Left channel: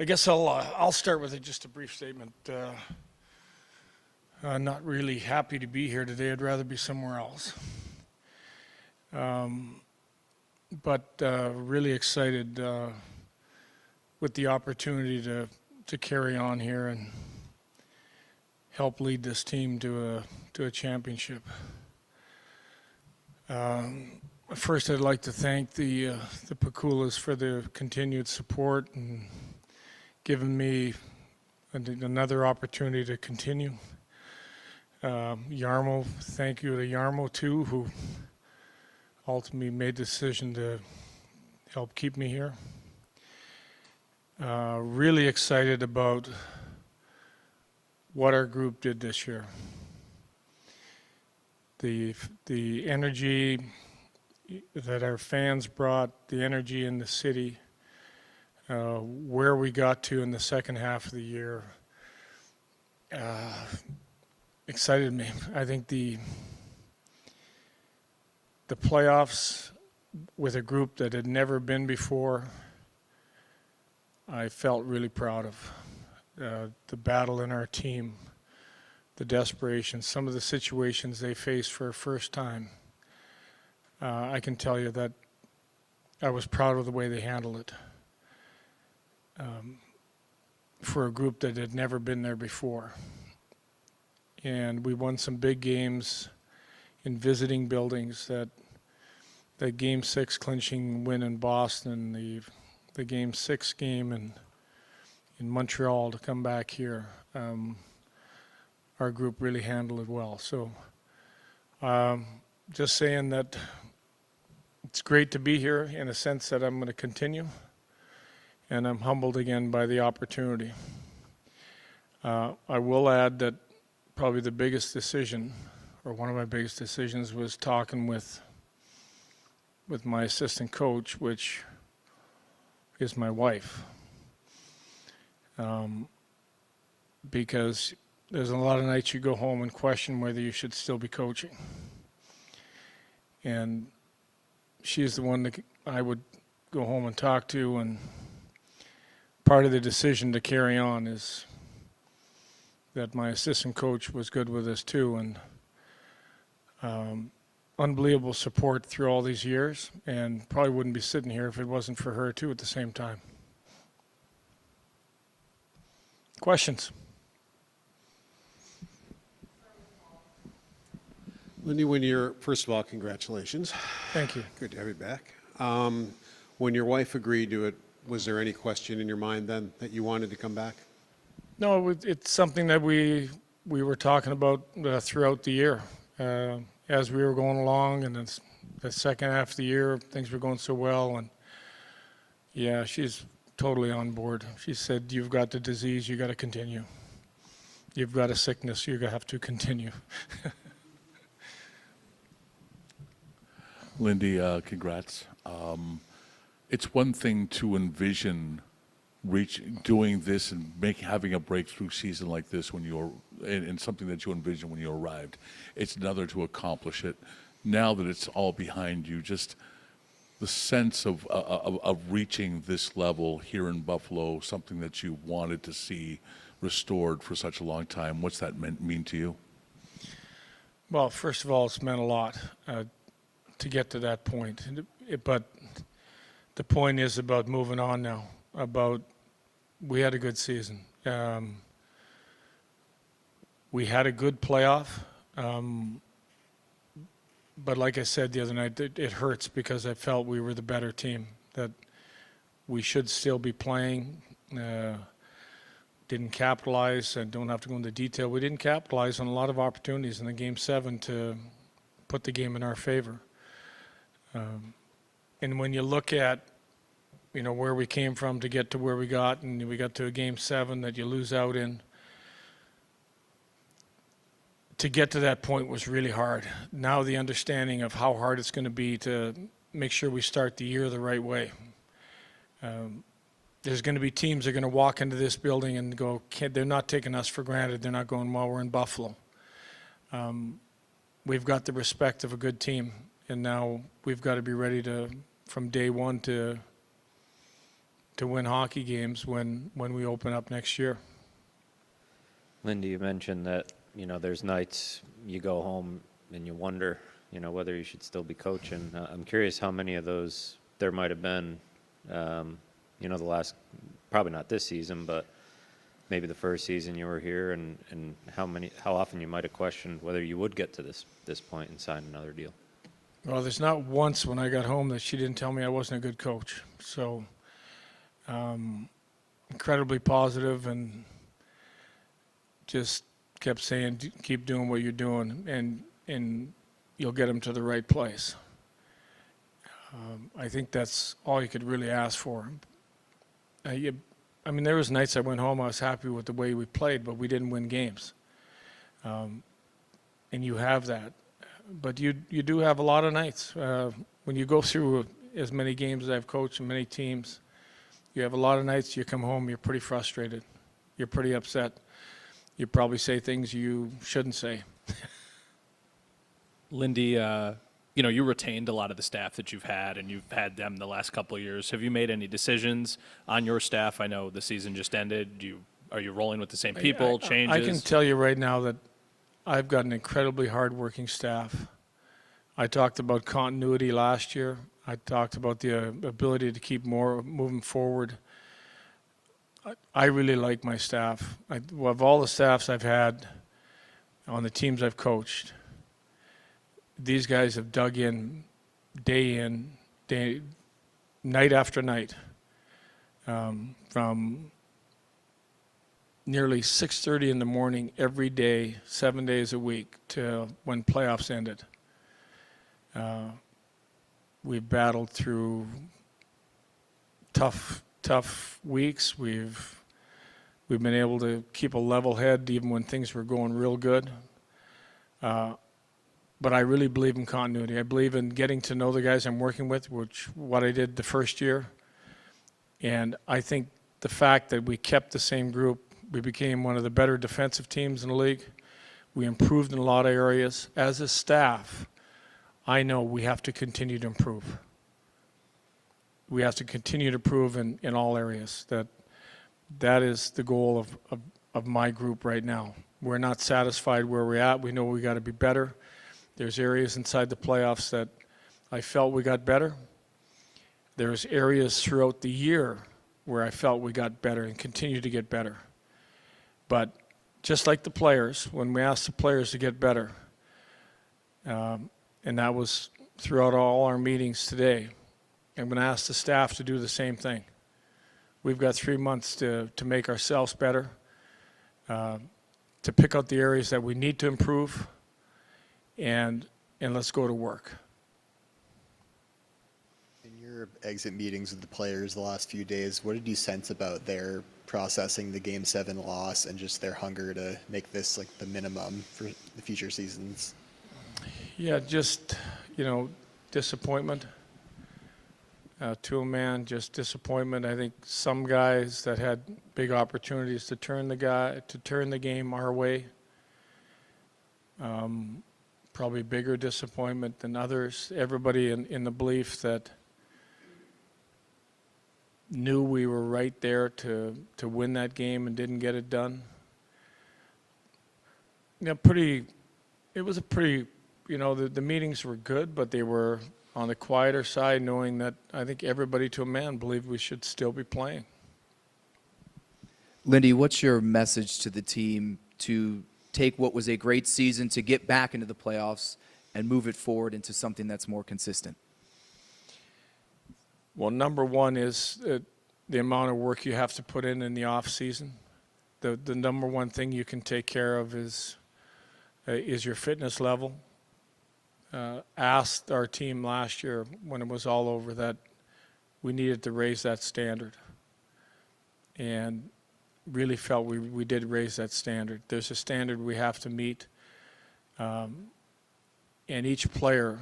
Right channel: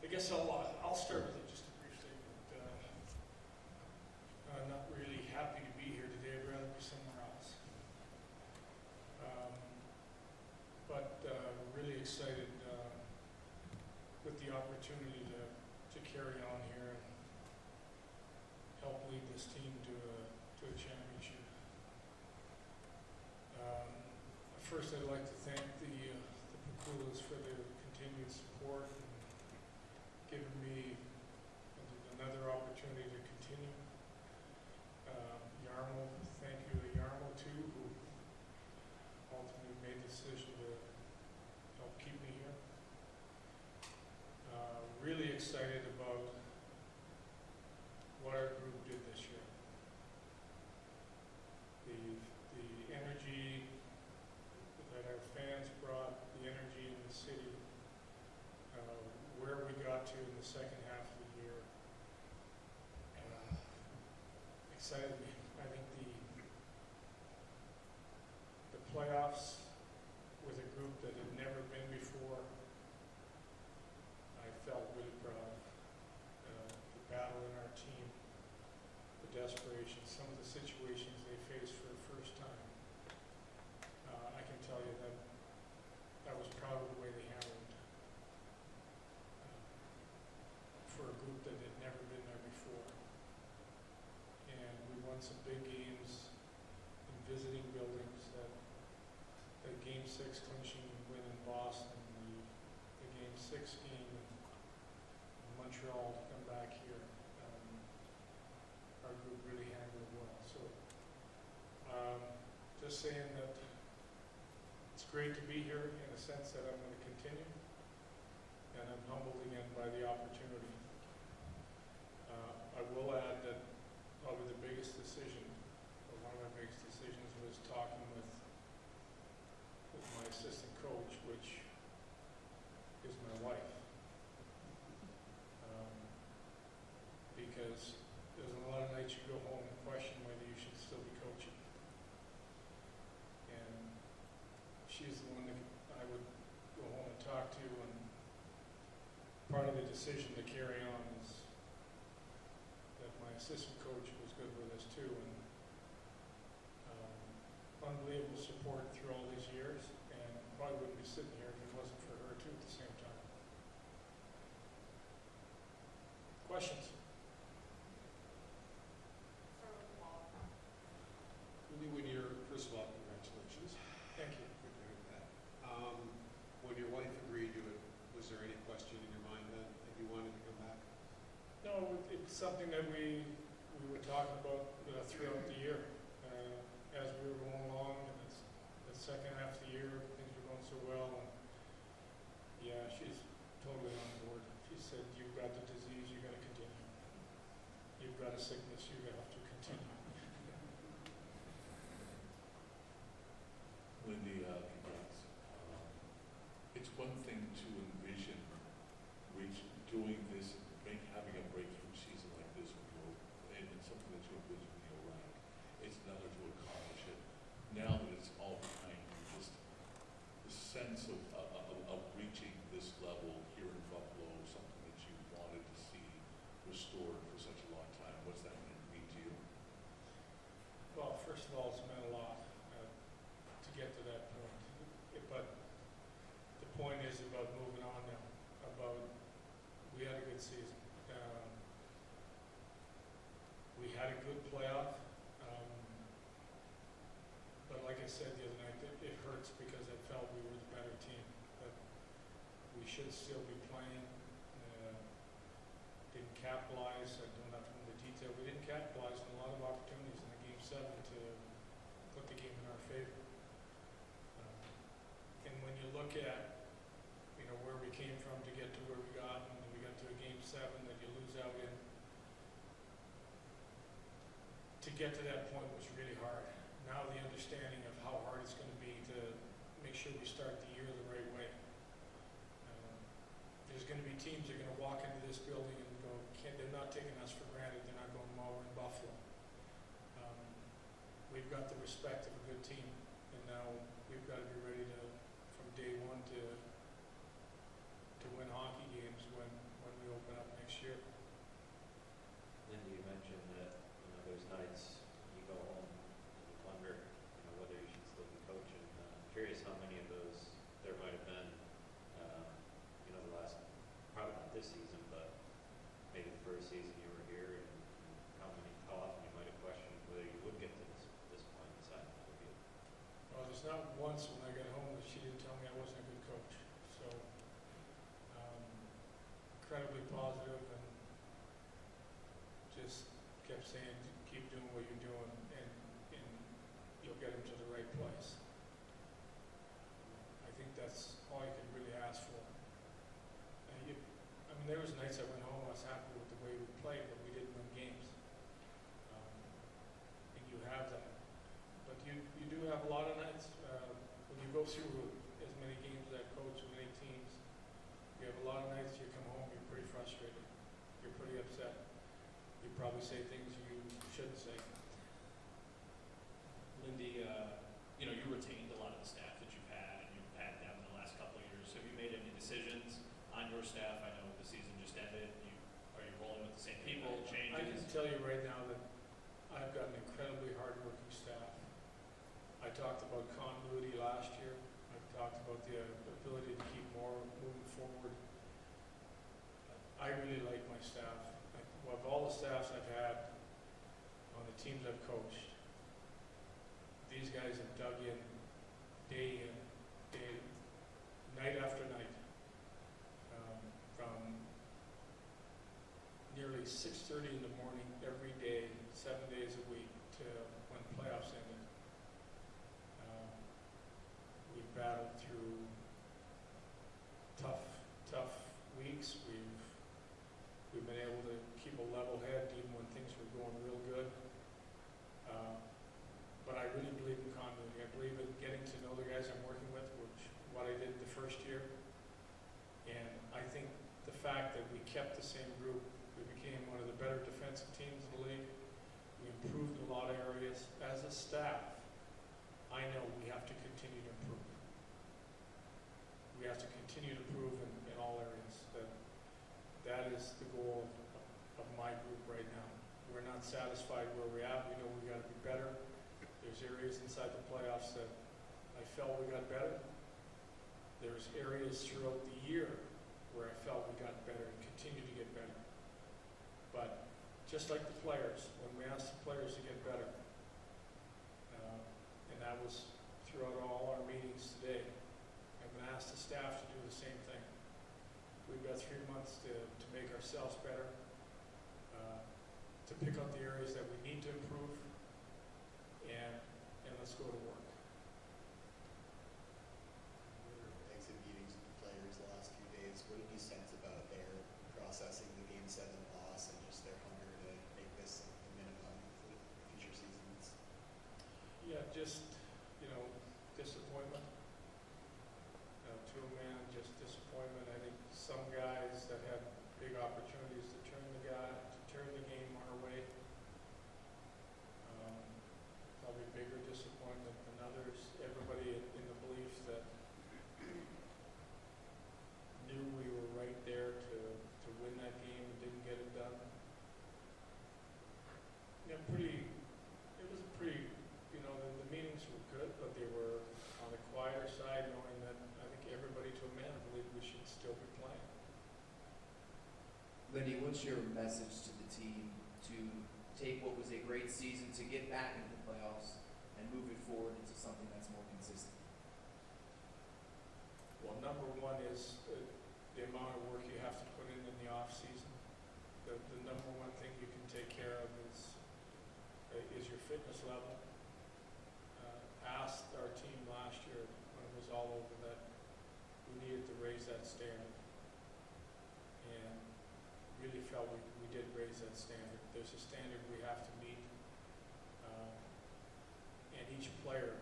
I guess I'll start with just a brief statement. Not really happy to be here today. I'd rather be somewhere else. But really excited with the opportunity to carry on here and help lead this team to a championship. First, I'd like to thank the Pakulas for their continued support and giving me another opportunity to continue. Yarmo, thank you to Yarmo too, who ultimately made the decision to help keep me here. Really excited about what our group did this year. The energy that our fans brought, the energy in the city, where we got to in the second half of the year, excited me. I think the playoffs with a group that had never been before, I felt really proud of. The battle in our team, the desperation, some of the situations they faced for a first time. I can tell you that I was proud of the way they handled it. For a group that had never been there before. And we won some big games in visiting buildings. That Game 6 clinching win in Boston, the Game 6 game in Montreal to come back here. Our group really handled it well. So just saying that it's great to be here in a sense that I'm going to continue. And I'm humbled again by the opportunity. I will add that probably the biggest decision, or one of my biggest decisions, was talking with my assistant coach, which is my wife. Because there's a lot of nights you go home and question whether you should still be coaching. And she's the one that I would go home and talk to, and part of the decision to carry on is that my assistant coach was good with us too, and unbelievable support through all these years, and probably wouldn't be sitting here if it wasn't for her too at the same time. Questions? Lindy, first of all, congratulations. Thank you. Good to have you back. When your wife agreed to it, was there any question in your mind then that you wanted to come back? No, it's something that we were talking about throughout the year. As we were going along, and the second half of the year, things were going so well, and yeah, she's totally on board. She said, "You've got the disease, you got to continue. You've got a sickness, you have to continue." Lindy, congrats. It's one thing to envision doing this and having a breakthrough season like this when you're in something that you envisioned when you arrived. It's another to accomplish it. Now that it's all behind you, just the sense of reaching this level here in Buffalo, something that you wanted to see restored for such a long time. What's that mean to you? Well, first of all, it's meant a lot to get to that point. But the point is about moving on now. We had a good season. We had a good playoff. But like I said the other night, it hurts because I felt we were the better team, that we should still be playing. Didn't capitalize. I don't have to go into detail. We didn't capitalize on a lot of opportunities in the Game 7 to put the game in our favor. And when you look at where we came from to get to where we got, and we got to a Game 7 that you lose out in, to get to that point was really hard. Now the understanding of how hard it's going to be to make sure we start the year the right way. There's going to be teams that are going to walk into this building and go, they're not taking us for granted. They're not going, well, we're in Buffalo. We've got the respect of a good team, and now we've got to be ready to, from day one, to to win hockey games when we open up next year. Lindy, you mentioned that, there's nights you go home and you wonder, whether you should still be coaching. I'm curious how many of those there might have been, the last, probably not this season, but maybe the first season you were here, and how often you might have questioned whether you would get to this point and sign another deal. Well, there's not once when I got home that she didn't tell me I wasn't a good coach. So, incredibly positive, and just kept saying, keep doing what you're doing, and you'll get them to the right place. I think that's all you could really ask for. There was nights I went home, I was happy with the way we played, but we didn't win games. And you have that. But you do have a lot of nights. When you go through as many games as I've coached and many teams, you have a lot of nights you come home, you're pretty frustrated. You're pretty upset. You probably say things you shouldn't say. Lindy, you retained a lot of the staff that you've had, and you've had them the last couple of years. Have you made any decisions on your staff? I know the season just ended. Are you rolling with the same people, changes? I can tell you right now that I've got an incredibly hardworking staff. I talked about continuity last year. I talked about the ability to keep moving forward. I really like my staff. Of all the staffs I've had on the teams I've coached, these guys have dug in, night after night, from nearly 6:30 in the morning every day, 7 days a week, to when playoffs ended. We've battled through tough weeks. We've been able to keep a level head even when things were going real good. But I really believe in continuity. I believe in getting to know the guys I'm working with, what I did the first year. And I think the fact that we kept the same group, we became one of the better defensive teams in the league. We improved in a lot of areas. As a staff, I know we have to continue to improve. We have to continue to improve in all areas. That is the goal of my group right now. We're not satisfied where we're at. We know we got to be better. There's areas inside the playoffs that I felt we got better. There's areas throughout the year where I felt we got better and continue to get better. But just like the players, when we asked the players to get better, and that was throughout all our meetings today, I'm going to ask the staff to do the same thing. We've got 3 months to make ourselves better, to pick out the areas that we need to improve, and let's go to work. In your exit meetings with the players the last few days, what did you sense about their processing the Game 7 loss and just their hunger to make this like the minimum for the future seasons? Yeah, just, disappointment. To a man, just disappointment. I think some guys that had big opportunities to turn the game our way, probably bigger disappointment than others. Everybody in the belief that knew we were right there to win that game and didn't get it done. It was a pretty, the meetings were good, but they were on the quieter side, knowing that I think everybody to a man believed we should still be playing. Lindy, what's your message to the team to take what was a great season to get back into the playoffs and move it forward into something that's more consistent? Well, number one is the amount of work you have to put in the off season. The number one thing you can take care of is your fitness level. Asked our team last year when it was all over that we needed to raise that standard, and really felt we did raise that standard. There's a standard we have to meet, and each player,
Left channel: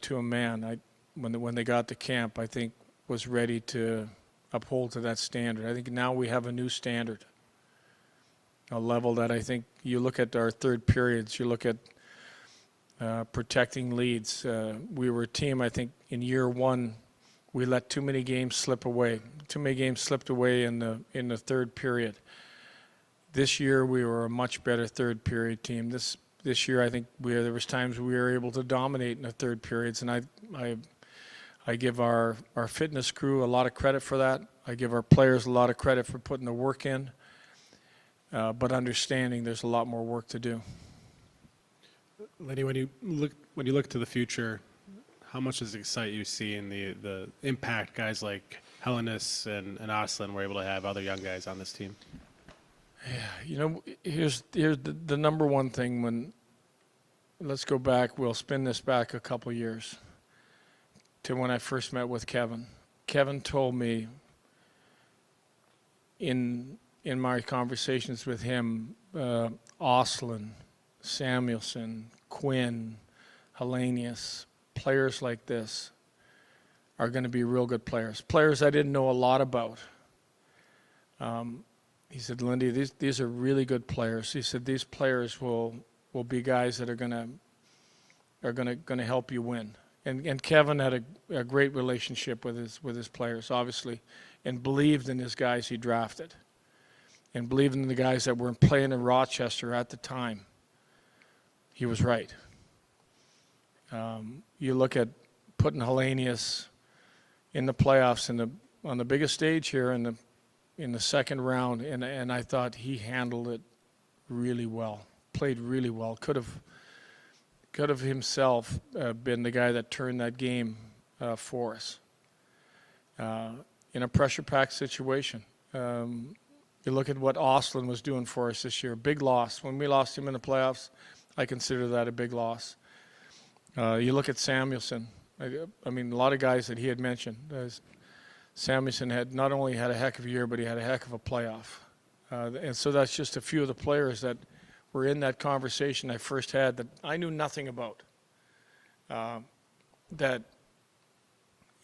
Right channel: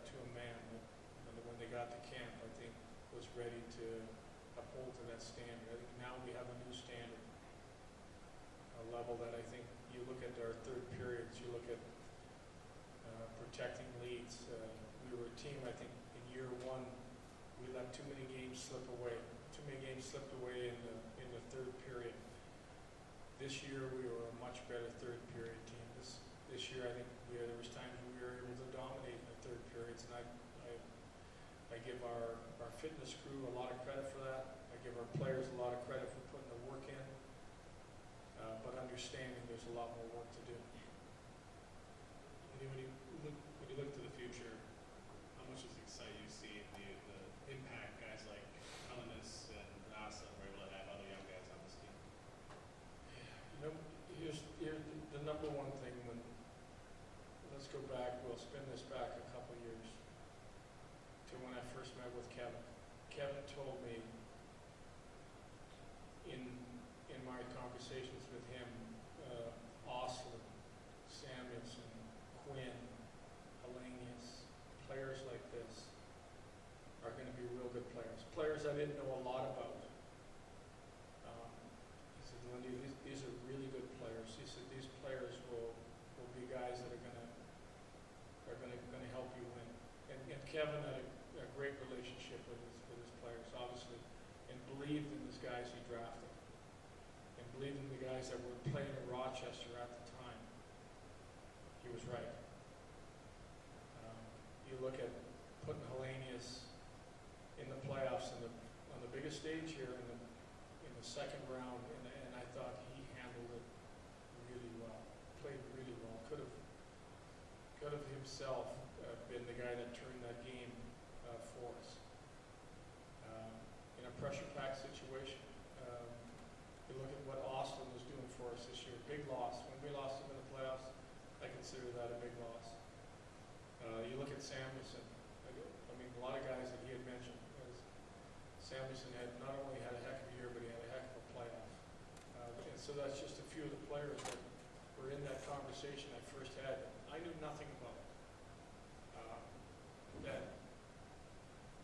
to a man, when they got to camp, I think was ready to uphold to that standard. I think now we have a new standard, a level that I think you look at our third periods, you look at protecting leads. We were a team, I think, in year one, we let too many games slip away. too many games slipped away in the third period. This year we were a much better third period team. This year I think there was times we were able to dominate in the third periods, and I give our fitness crew a lot of credit for that. I give our players a lot of credit for putting the work in, but understanding there's a lot more work to do. Lindy, when you look to the future, how much does it excite you seeing the impact guys like Hellenis and Oslin were able to have other young guys on this team? Yeah, here's the number one thing. Let's go back, we'll spin this back a couple years to when I first met with Kevin. Kevin told me in my conversations with him, Oslin, Samuelson, Quinn, Hellenius, players like this are going to be real good players. Players I didn't know a lot about. He said, Lindy, these are really good players. He said, these players will be guys that are going to help you win. And Kevin had a great relationship with his players, obviously, and believed in his guys he drafted, and believed in the guys that were playing in Rochester at the time. He was right. You look at putting Hellenius in the playoffs on the biggest stage here in the second round, and I thought he handled it really well, played really well. Could have himself been the guy that turned that game for us in a pressure-packed situation. You look at what Oslin was doing for us this year. Big loss. When we lost him in the playoffs, I consider that a big loss. You look at Samuelson. I mean, a lot of guys that he had mentioned. Samuelson had not only had a heck of a year, but he had a heck of a playoff. And so that's just a few of the players that were in that conversation I first had that I knew nothing about. That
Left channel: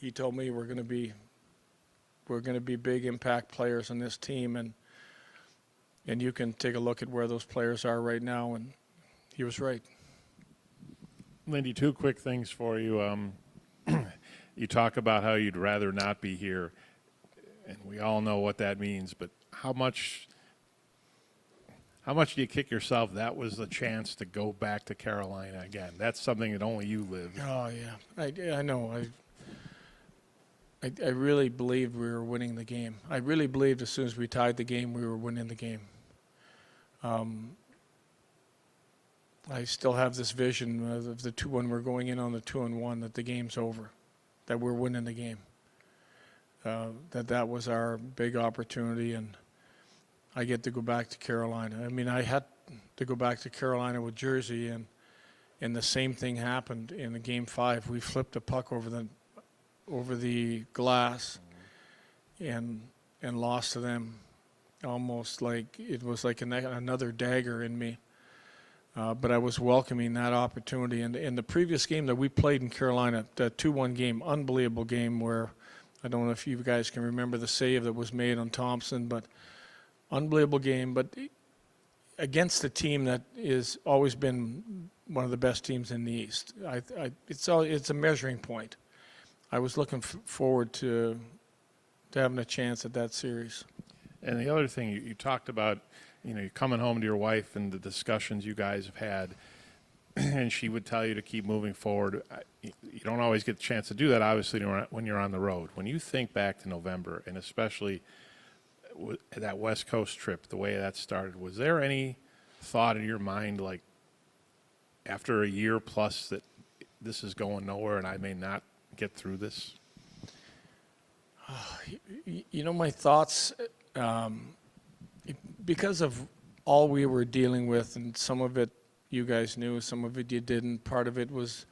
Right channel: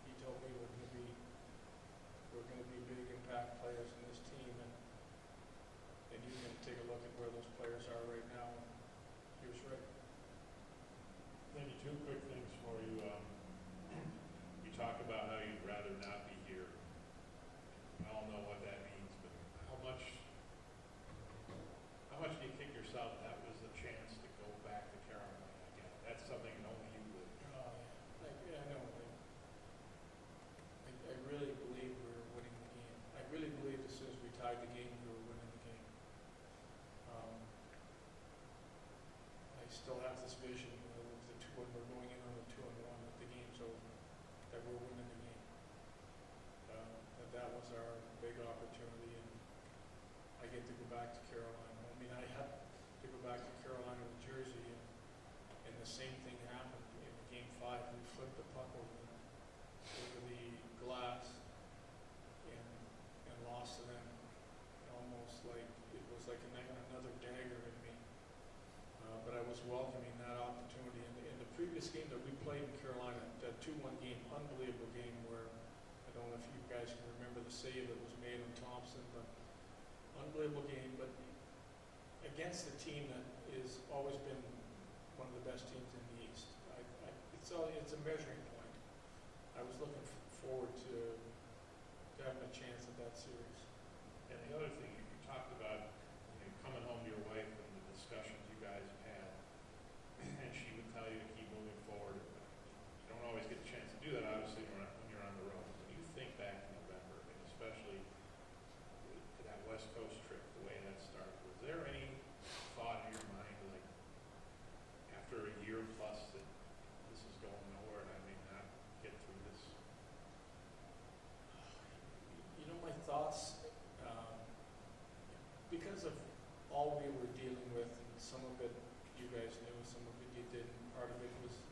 he told me we're going to be big impact players on this team, and you can take a look at where those players are right now, and he was right. Lindy, two quick things for you. You talk about how you'd rather not be here, and we all know what that means, but how much do you kick yourself that was the chance to go back to Carolina again? That's something that only you lived. Oh, yeah. I know. I really believed we were winning the game. I really believed as soon as we tied the game, we were winning the game. I still have this vision of the two when we're going in on the 2-1 that the game's over, that we're winning the game. That was our big opportunity, and I get to go back to Carolina. I mean, I had to go back to Carolina with Jersey, and the same thing happened in the Game 5. We flipped the puck over the glass and lost to them, almost like it was like another dagger in me. But I was welcoming that opportunity. And in the previous game that we played in Carolina, the 2-1 game, unbelievable game where I don't know if you guys can remember the save that was made on Thompson, but unbelievable game. But against a team that is always been one of the best teams in the East, it's a measuring point. I was looking forward to having a chance at that series. And the other thing, you talked about, you're coming home to your wife and the discussions you guys have had, and she would tell you to keep moving forward. You don't always get the chance to do that, obviously, when you're on the road. When you think back to November, and especially that West Coast trip, the way that started, was there any thought in your mind, like, after a year plus, that this is going nowhere and I may not get through this? My thoughts, because of all we were dealing with, and some of it you guys knew, some of it you didn't. Part of it was,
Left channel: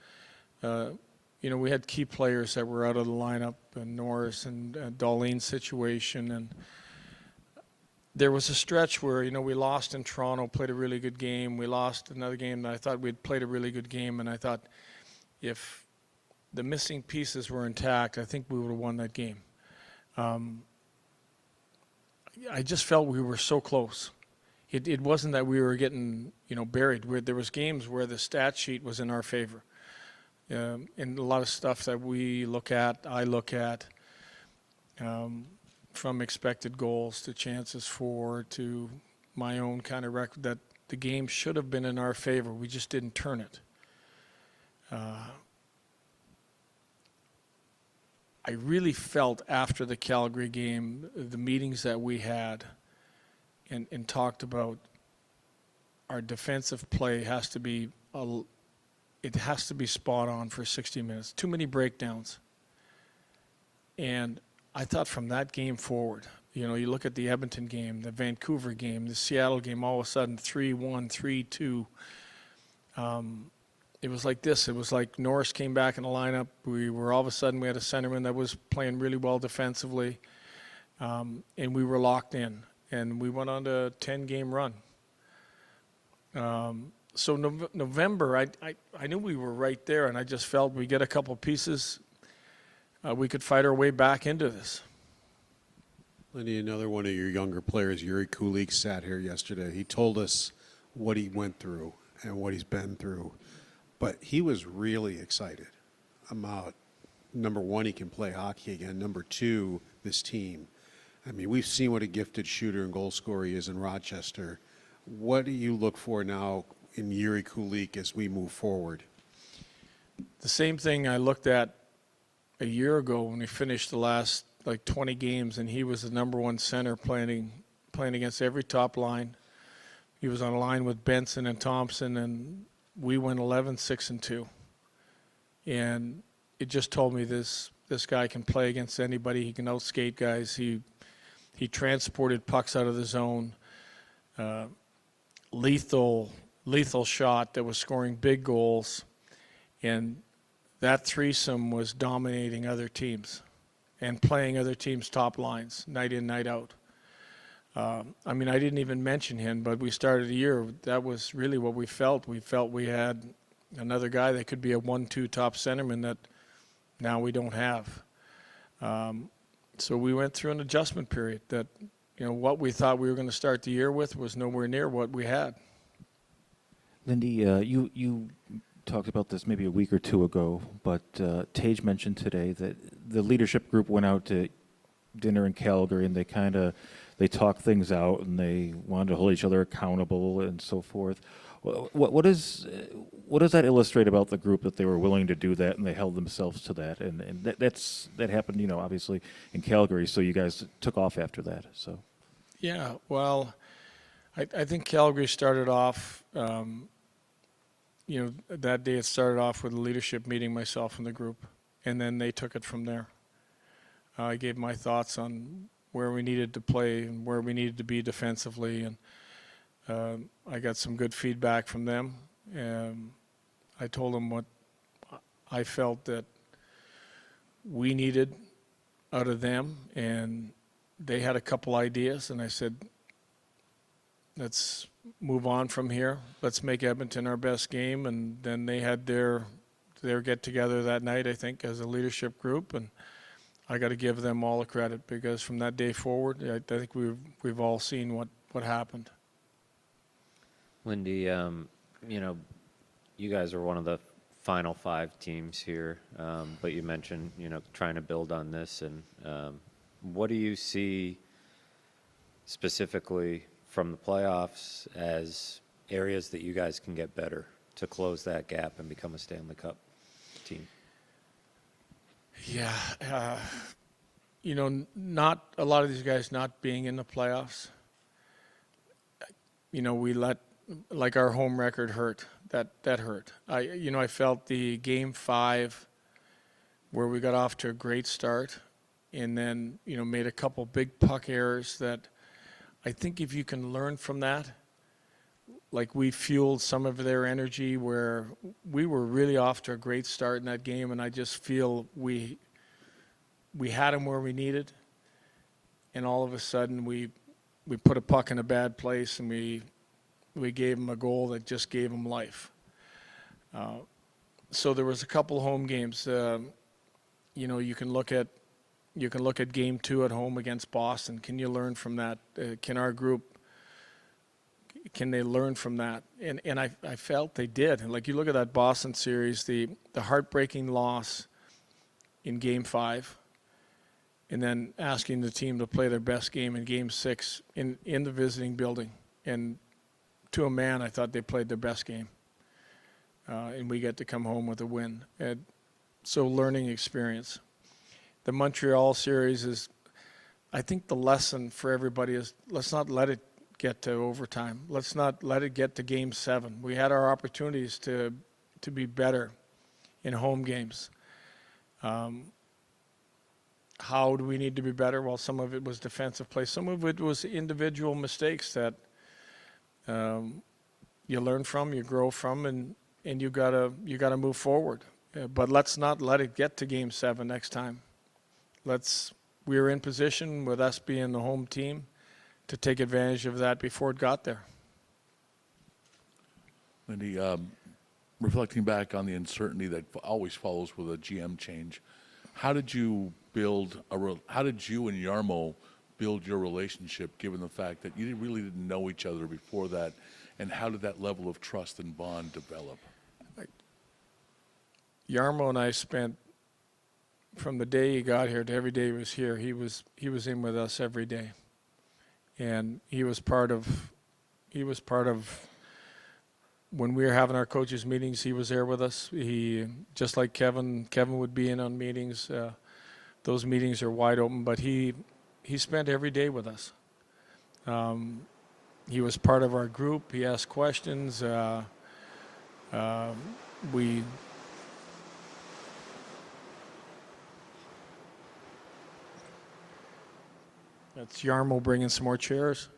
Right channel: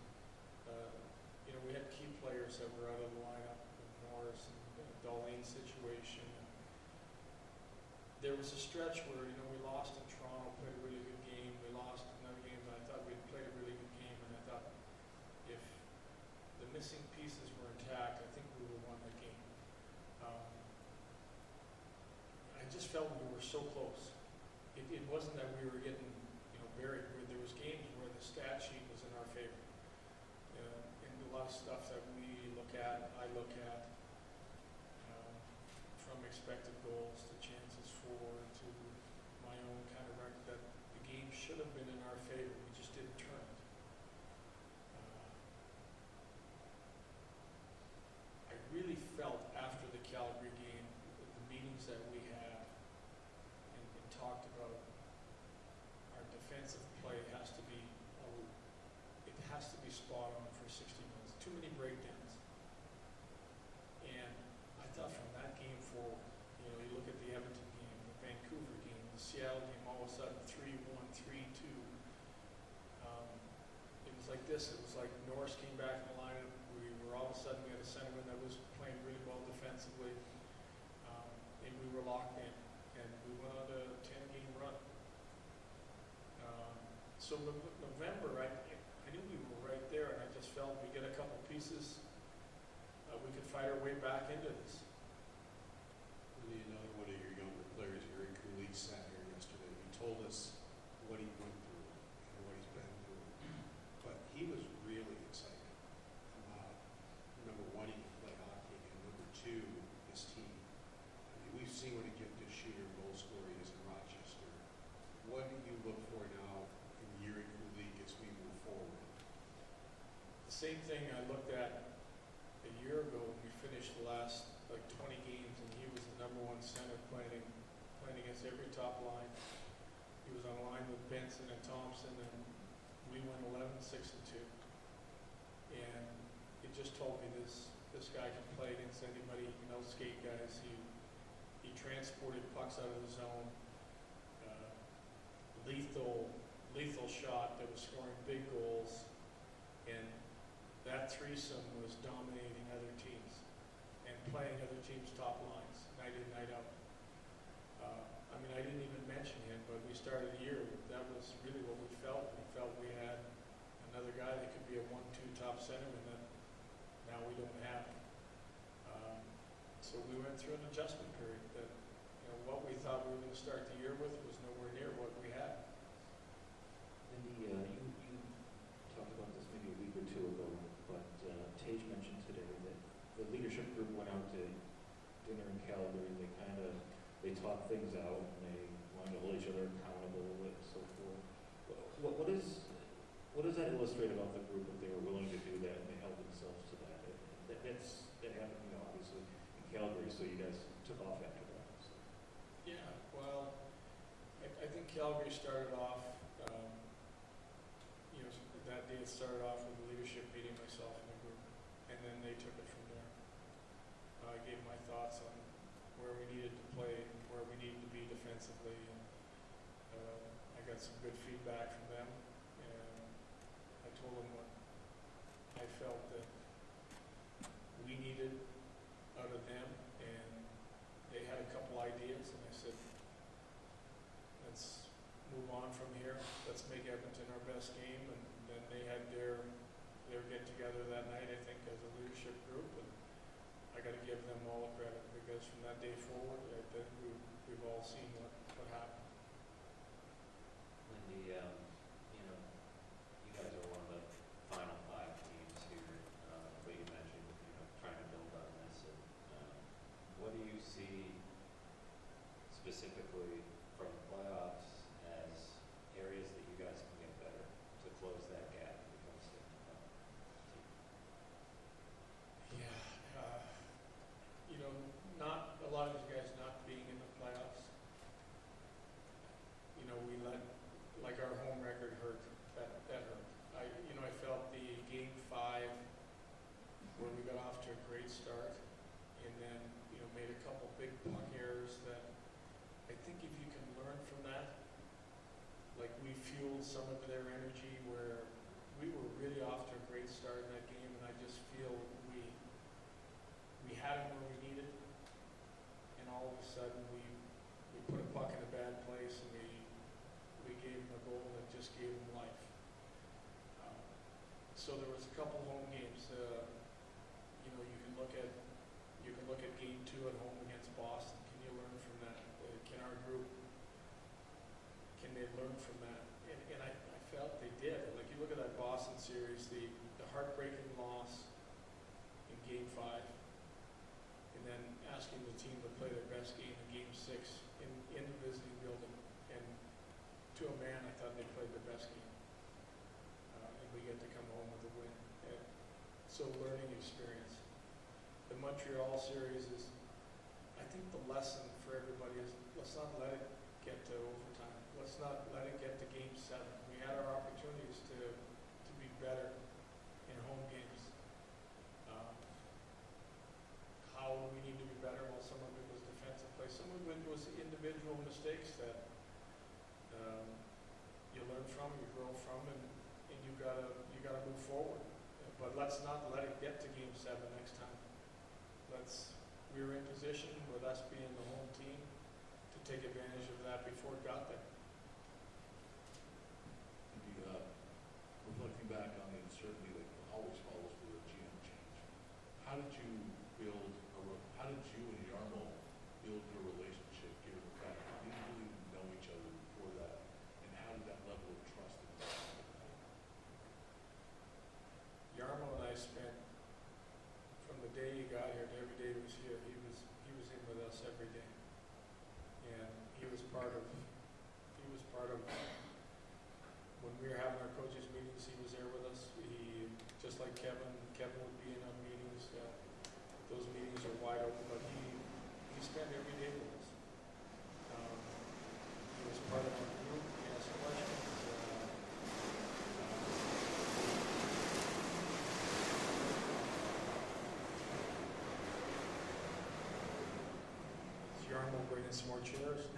we had key players that were out of the lineup, Norris and Darlene's situation, and there was a stretch where, we lost in Toronto, played a really good game. We lost another game that I thought we'd played a really good game, and I thought if the missing pieces were intact, I think we would have won that game. I just felt we were so close. It wasn't that we were getting, buried. There was games where the stat sheet was in our favor. And a lot of stuff that I look at. from expected goals to chances for to my own kind of record, that the game should have been in our favor. We just didn't turn it. I really felt after the Calgary game, the meetings that we had and talked about our defensive play has to be it has to be spot on for 60 minutes. Too many breakdowns. And I thought from that game forward, you know, you look at the Edmonton game, the Vancouver game, the Seattle game, all of a sudden 3-1, 3-2. It was like this. It was like Norris came back in the lineup. We were all of a sudden, we had a centerman that was playing really well defensively. And we were locked in. And we went on to a 10-game run. So November, I knew we were right there, and I just felt we get a couple pieces, we could fight our way back into this. Lindy, another one of your younger players, Yuri Kulik, sat here yesterday. He told us what he went through and what he's been through. But he was really excited about, number one, he can play hockey again. Number two, this team. I mean, we've seen what a gifted shooter and goal scorer he is in Rochester. What do you look for now in Yuri Kulik as we move forward? The same thing I looked at a year ago when we finished the last, 20 games, and he was the number one center playing against every top line. He was on a line with Benson and Thompson, and we went 11-6-2. And it just told me this guy can play against anybody. He can outskate guys. He transported pucks out of the zone. Lethal shot that was scoring big goals. And that threesome was dominating other teams and playing other teams' top lines night in, night out. I mean, I didn't even mention him, but we started the year, that was really what we felt. We felt we had another guy that could be a 1-2 top centerman that now we don't have. So we went through an adjustment period that, what we thought we were going to start the year with was nowhere near what we had. Lindy, you talked about this maybe a week or two ago, but Tage mentioned today that the leadership group went out to dinner in Calgary, and they talked things out, and they wanted to hold each other accountable and so forth. What does that illustrate about the group, that they were willing to do that and they held themselves to that? And that happened, obviously in Calgary. So you guys took off after that. So. Yeah, well, I think Calgary started off. That day it started off with a leadership meeting, myself and the group, and then they took it from there. I gave my thoughts on where we needed to play and where we needed to be defensively, and I got some good feedback from them. And I told them what I felt that we needed out of them, and they had a couple ideas, and I said, let's move on from here. Let's make Edmonton our best game. And then they had their get-together that night, I think, as a leadership group, and I got to give them all the credit, because from that day forward, I think we've all seen what happened. Lindy, you guys are one of the final 5 teams here, but you mentioned, trying to build on this. And what do you see specifically from the playoffs as areas that you guys can get better to close that gap and become a Stanley Cup team? Yeah, not a lot of these guys not being in the playoffs. We let our home record hurt. That hurt. I felt the game 5 where we got off to a great start, and then made a couple big puck errors that I think if you can learn from that, we fueled some of their energy where we were really off to a great start in that game, and I just feel we had them where we needed, and all of a sudden we put a puck in a bad place, and we gave them a goal that just gave them life. So there was a couple home games. You can look at game 2 at home against Boston. Can you learn from that? Can our group? Can they learn from that? And I felt they did. And you look at that Boston series, the heartbreaking loss in game 5. and then asking the team to play their best game in Game 6 in the visiting building. And to a man, I thought they played their best game. And we get to come home with a win. And so learning experience. The Montreal series is, I think the lesson for everybody is, let's not let it get to overtime. Let's not let it get to Game 7. We had our opportunities to be better in home games. How do we need to be better? Well, some of it was defensive play. Some of it was individual mistakes that you learn from, you grow from, and you gotta move forward. But let's not let it get to Game 7 next time. We were in position with us being the home team to take advantage of that before it got there. Lindy, reflecting back on the uncertainty that always follows with a GM change, how did you and Jarmo build your relationship, given the fact that you really didn't know each other before that, and how did that level of trust and bond develop? Jarmo and I spent, from the day he got here to every day he was here, he was in with us every day, and he was part of when we were having our coaches meetings. He was there with us. He, just like Kevin would be in on meetings. Those meetings are wide open, but he spent every day with us. He was part of our group. He asked questions. That's Jarmo bringing some more chairs.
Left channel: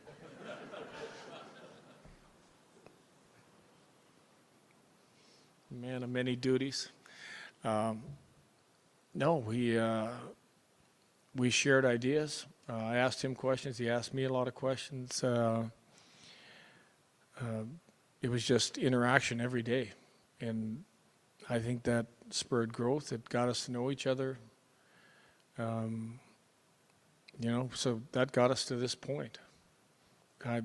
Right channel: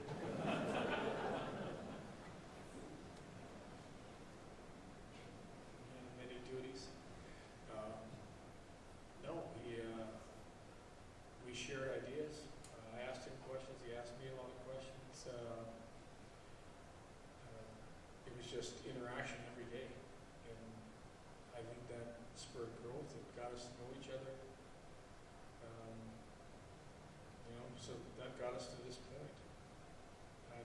Man of many duties. No, we shared ideas. I asked him questions. He asked me a lot of questions. It was just interaction every day. And I think that spurred growth. It got us to know each other. So that got us to this point. A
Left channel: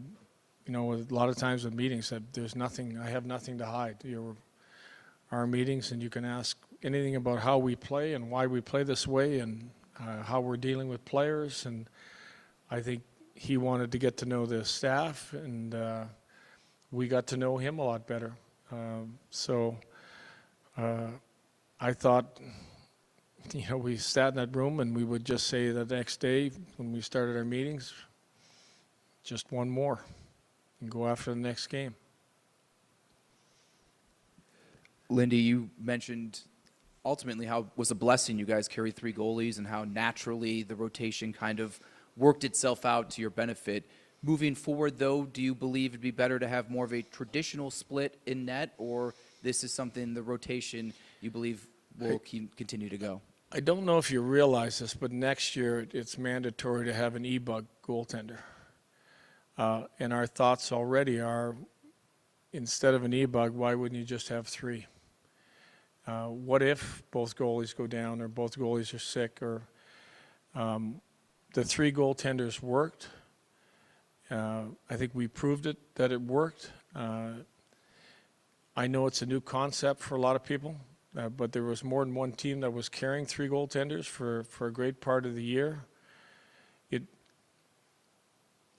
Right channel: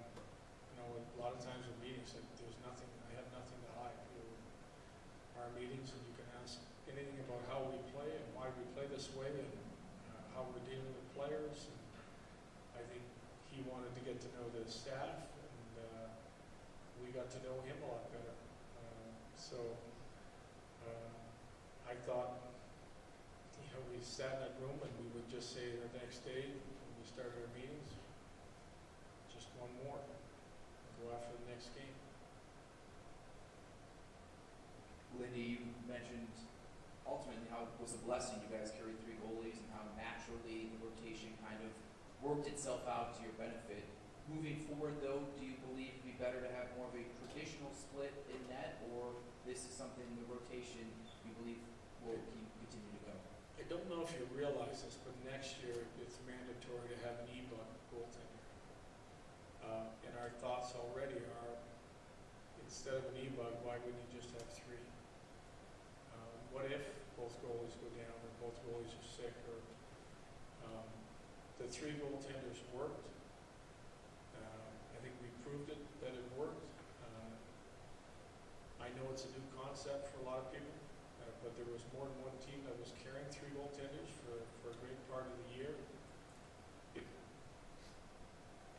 lot of times with meetings, I have nothing to hide. Our meetings, and you can ask anything about how we play and why we play this way and how we're dealing with players. And I think he wanted to get to know the staff, and we got to know him a lot better. I thought, we sat in that room and we would just say the next day when we started our meetings, just one more, and go after the next game. Lindy, you mentioned ultimately how it was a blessing you guys carried 3 goalies and how naturally the rotation kind of worked itself out to your benefit. Moving forward, though, do you believe it'd be better to have more of a traditional split in net, or this is something, the rotation, you believe will continue to go? I don't know if you realize this, but next year it's mandatory to have an E-bug goaltender. And our thoughts already are, instead of an E-bug, why wouldn't you just have 3? What if both goalies go down or both goalies are sick? Or the 3 goaltenders worked. I think we proved that it worked. I know it's a new concept for a lot of people, but there was more than one team that was carrying 3 goaltenders for a great part of the year.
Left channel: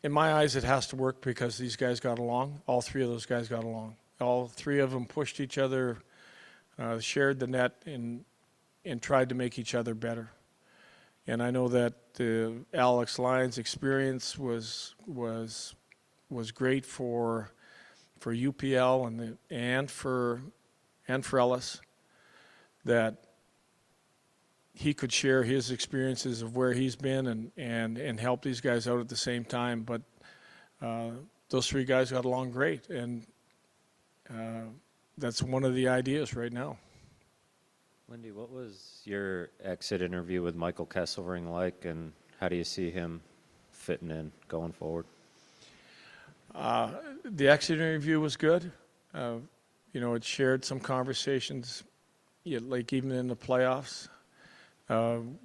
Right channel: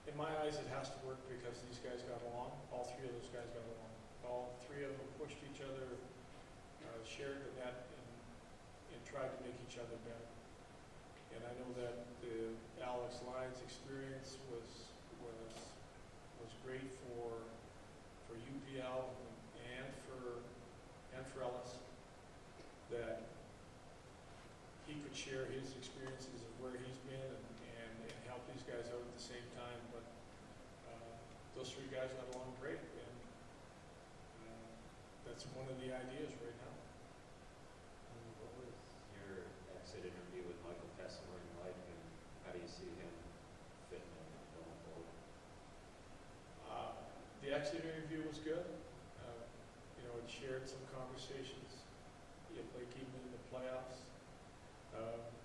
In my eyes, it has to work because these guys got along. All 3 of those guys got along. All 3 of them pushed each other, shared the net, and tried to make each other better. And I know that Alex Lyon's experience was great for UPL and for Ellis, that he could share his experiences of where he's been and help these guys out at the same time. But those 3 guys got along great, and that's one of the ideas right now. Lindy, what was your exit interview with Michael Kesselring like, and how do you see him fitting in going forward? The exit interview was good. It shared some conversations, like even in the playoffs.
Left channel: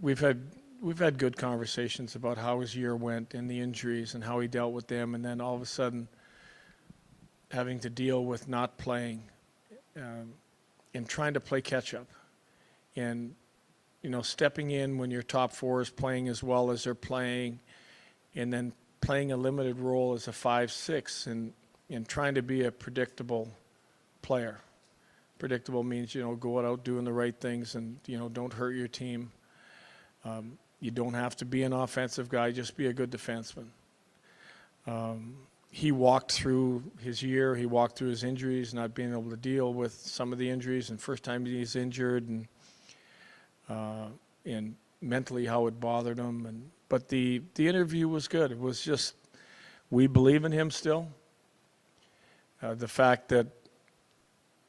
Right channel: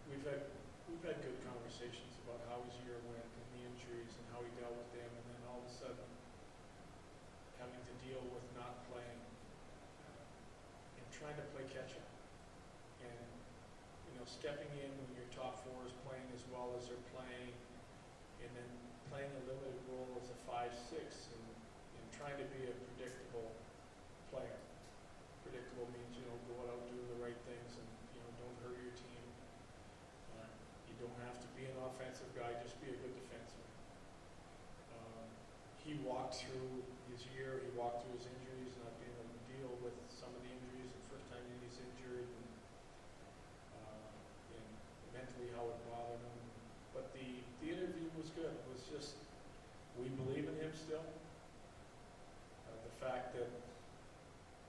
We've had good conversations about how his year went and the injuries and how he dealt with them, and then all of a sudden having to deal with not playing and trying to play catch up. And stepping in when your top four is playing as well as they're playing, and then playing a limited role as a 5-6 and trying to be a predictable player. Predictable means, go out doing the right things and, don't hurt your team. You don't have to be an offensive guy, just be a good defenseman. He walked through his year, he walked through his injuries, not being able to deal with some of the injuries, and first time he's injured, and mentally how it bothered him. But the interview was good. It was just, we believe in him still. The fact that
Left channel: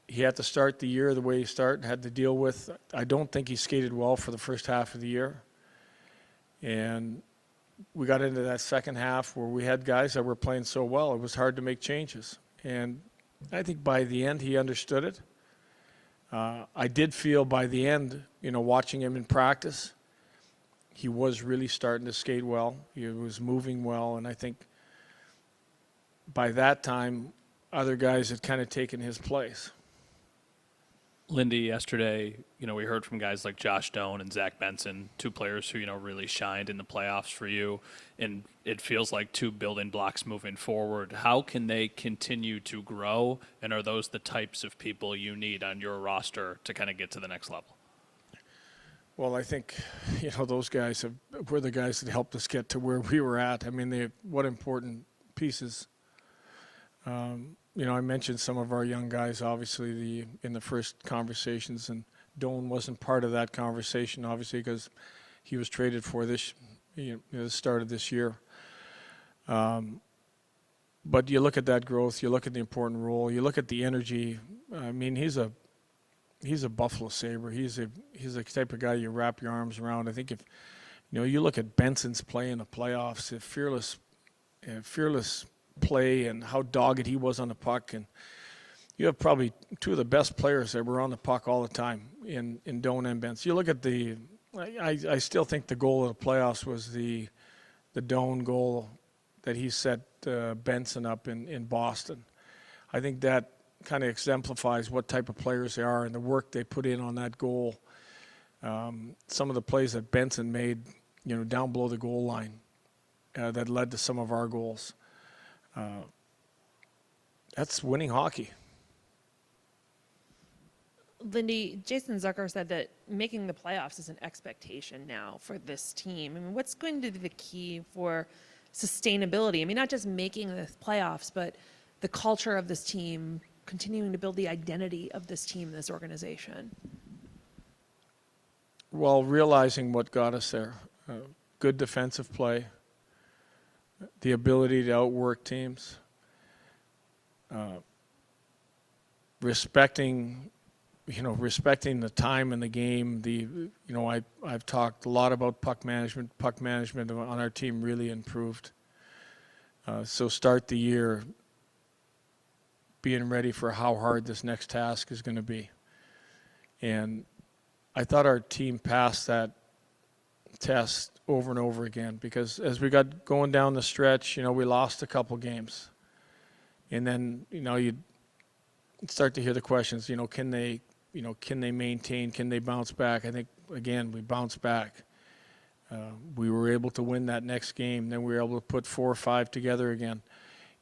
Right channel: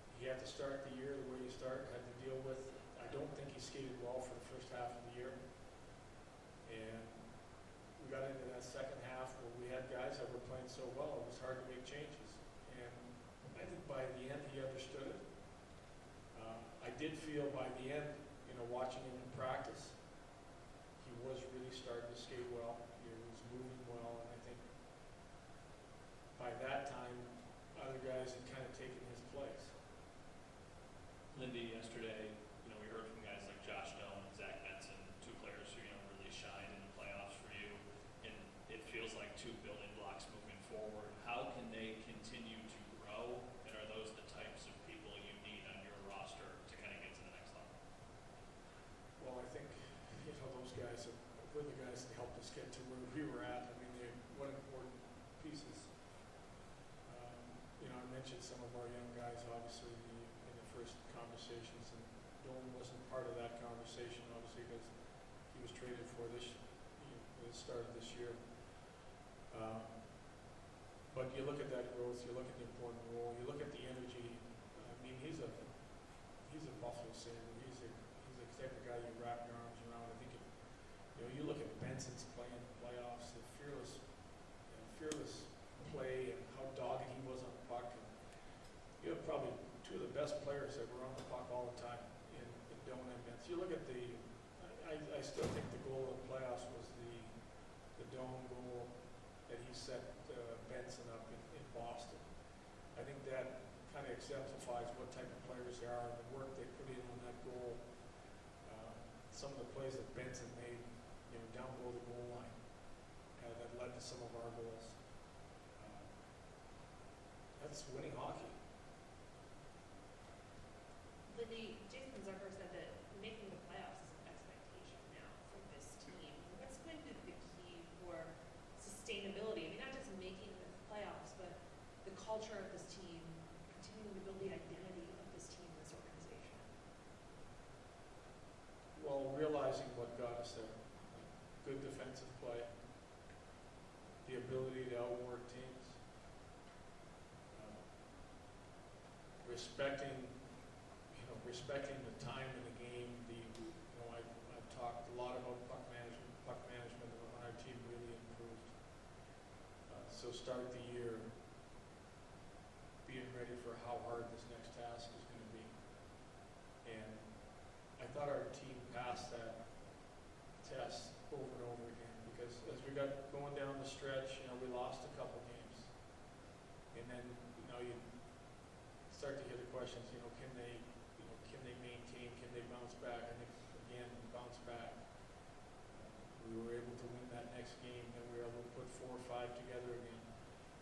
he had to start the year the way he started, had to deal with, I don't think he skated well for the first half of the year. And we got into that second half where we had guys that were playing so well, it was hard to make changes. And I think by the end he understood it. I did feel by the end, watching him in practice, he was really starting to skate well. He was moving well, and I think by that time, other guys had kind of taken his place. Lindy, yesterday, we heard from guys like Josh Doan and Zach Benson, two players who, really shined in the playoffs for you, and it feels like two building blocks moving forward. How can they continue to grow, and are those the types of people you need on your roster to kind of get to the next level? Well, I think, those guys were the guys that helped us get to where we were at. I mean, what important pieces. I mentioned some of our young guys, obviously, in the first conversations, and Doan wasn't part of that conversation, obviously, because he was traded for the start of this year. But you look at that growth, you look at the important role, you look at the energy. I mean, he's a Buffalo Sabre. He's the type of guy you wrap your arms around. I think if you look at Benson's play in the playoffs, the fearless play and how dogged he was on the puck, and you have probably two of the best players that were on the puck all the time in Doan and Benson. You look at I still think the goal of the playoffs was the Doan goal that he set Benson up in Boston. I think that kind of exemplifies what type of players they are and the work they put in on that goal. Some of the plays that Benson made, down below the goal line, that led to some of our goals. That's winning hockey. Lindy, Jason Zucker said that making the playoffs is an expectation now for this team. I mean, what's going to be the key for sustainability? I mean, not just making the playoffs, but the culture of this team, continuing to build the identity of this team, this organization. Well, realizing what got us there. Good defensive play. The ability to outwork teams. Respecting the time in the game. I've talked a lot about puck management. Puck management on our team really improved. So start the year being ready for how hard this next task is going to be. And I thought our team passed that test over and over again, because as we got going down the stretch, we lost a couple games. And then, you'd start to hear the questions, can they maintain, can they bounce back? I think, again, we bounced back. We were able to win that next game. Then we were able to put 4 or 5 together again.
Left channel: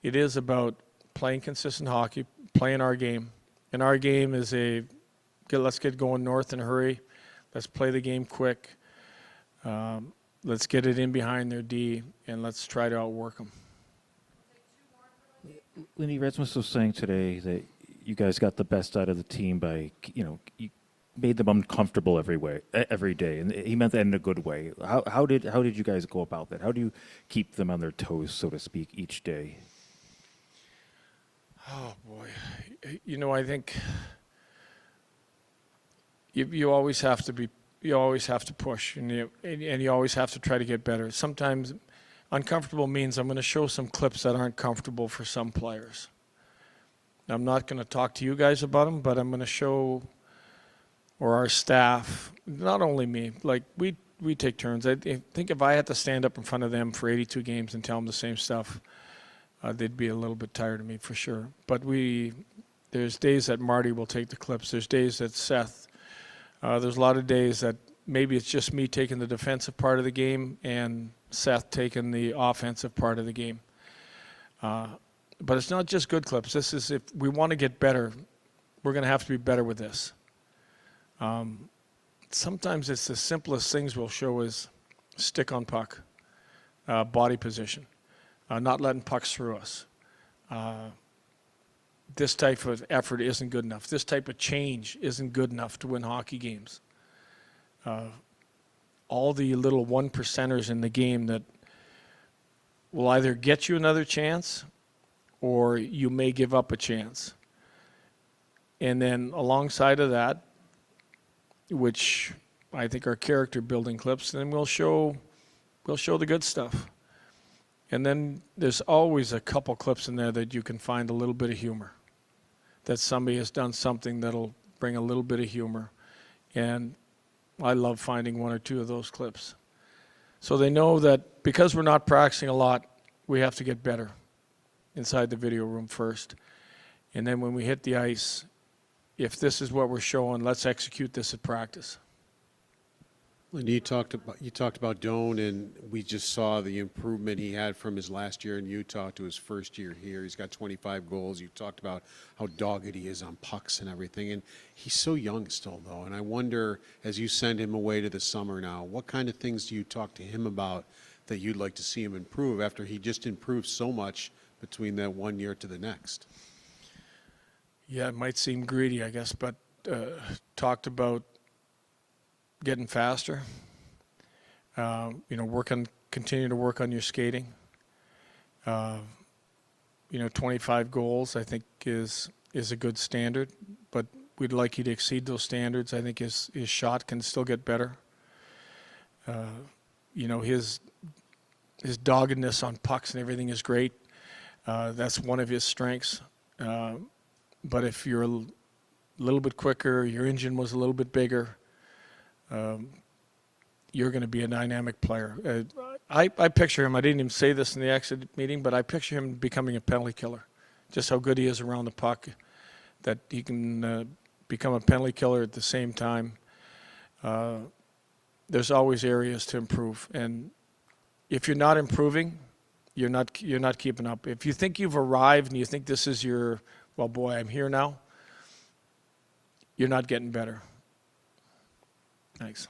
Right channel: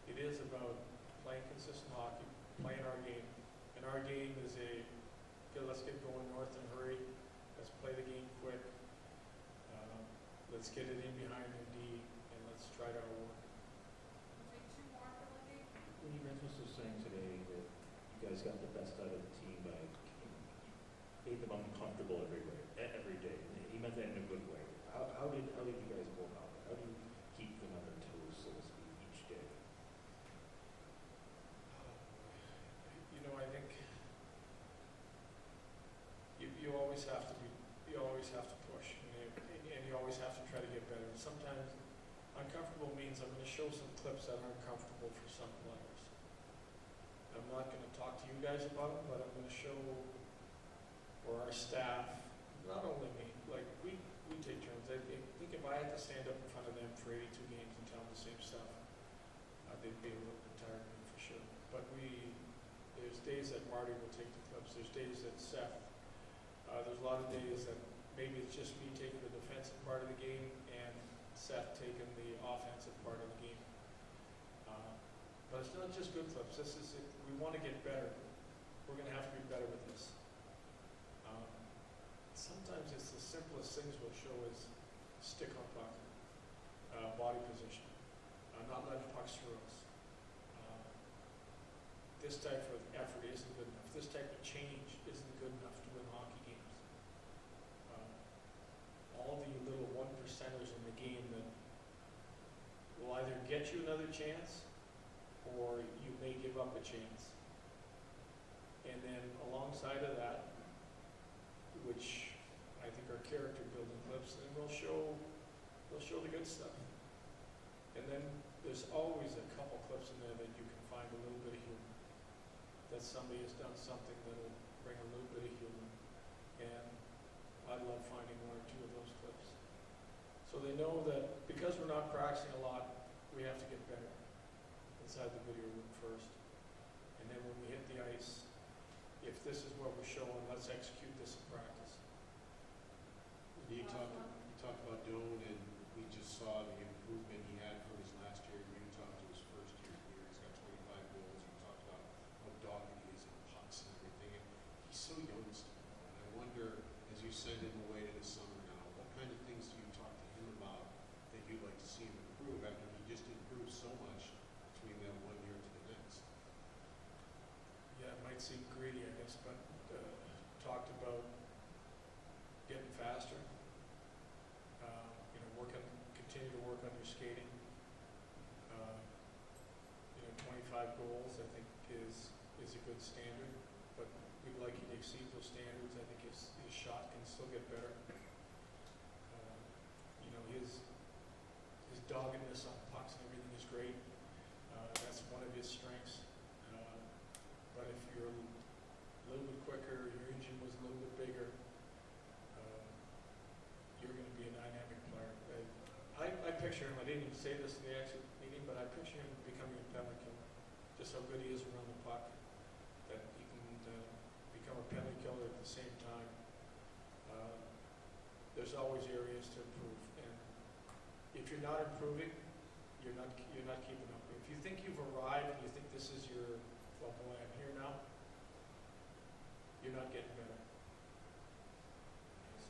It is about playing consistent hockey, playing our game. And our game is let's get going north in a hurry. Let's play the game quick. Let's get it in behind their D, and let's try to outwork them. Lindy, Rasmus was saying today that you guys got the best out of the team by, you made them uncomfortable every day, and he meant that in a good way. How did you guys go about that? How do you keep them on their toes, so to speak, each day? Oh boy, I think you always have to push, and you always have to try to get better. Sometimes uncomfortable means I'm going to show some clips that aren't comfortable for some players. I'm not going to talk to you guys about them, but I'm going to show, or our staff, not only me, like we take turns. I think if I had to stand up in front of them for 82 games and tell them the same stuff, they'd be a little bit tired of me for sure. But there's days that Marty will take the clips. There's days that Seth. There's a lot of days that maybe it's just me taking the defensive part of the game and Seth taking the offensive part of the game. But it's not just good clips. This is, if we want to get better, we're going to have to be better with this. Sometimes it's the simplest things we'll show is stick on puck, body position, not letting pucks through us. This type of effort isn't good enough. This type of change isn't good enough to win hockey games. All the little 1%ers in the game that will either get you another chance or you may give up a chance. And then alongside of that, which I think are character building clips, then we'll show the good stuff. And then there's always a couple clips in there that you can find a little bit of humor, that somebody has done something that'll bring a little bit of humor. And I love finding one or two of those clips. So they know that because we're not practicing a lot, we have to get better inside the video room first. And then when we hit the ice, if this is what we're showing, let's execute this at practice. Lindy, you talked about Doan, and we just saw the improvement he had from his last year in Utah to his first year here. He's got 25 goals. You talked about how dogged he is on pucks and everything, and he's so young still, though. And I wonder, as you send him away to the summer now, what kind of things do you talk to him about that you'd like to see him improve after he just improved so much between that 1 year to the next? Yeah, it might seem greedy, I guess, but talked about getting faster. Continue to work on your skating. 25 goals, I think, is a good standard, but we'd like you to exceed those standards. I think his shot can still get better. His doggedness on pucks and everything is great. That's one of his strengths. But if you're a little bit quicker, your engine was a little bit bigger, you're going to be a dynamic player. I picture him, I didn't even say this in the exit meeting, but I picture him becoming a penalty killer. Just how good he is around the puck, that he can become a penalty killer at the same time. There's always areas to improve. And if you're not improving, you're not keeping up. If you think you've arrived and you think this is your, well, boy, I'm here now, you're not getting better. Thanks.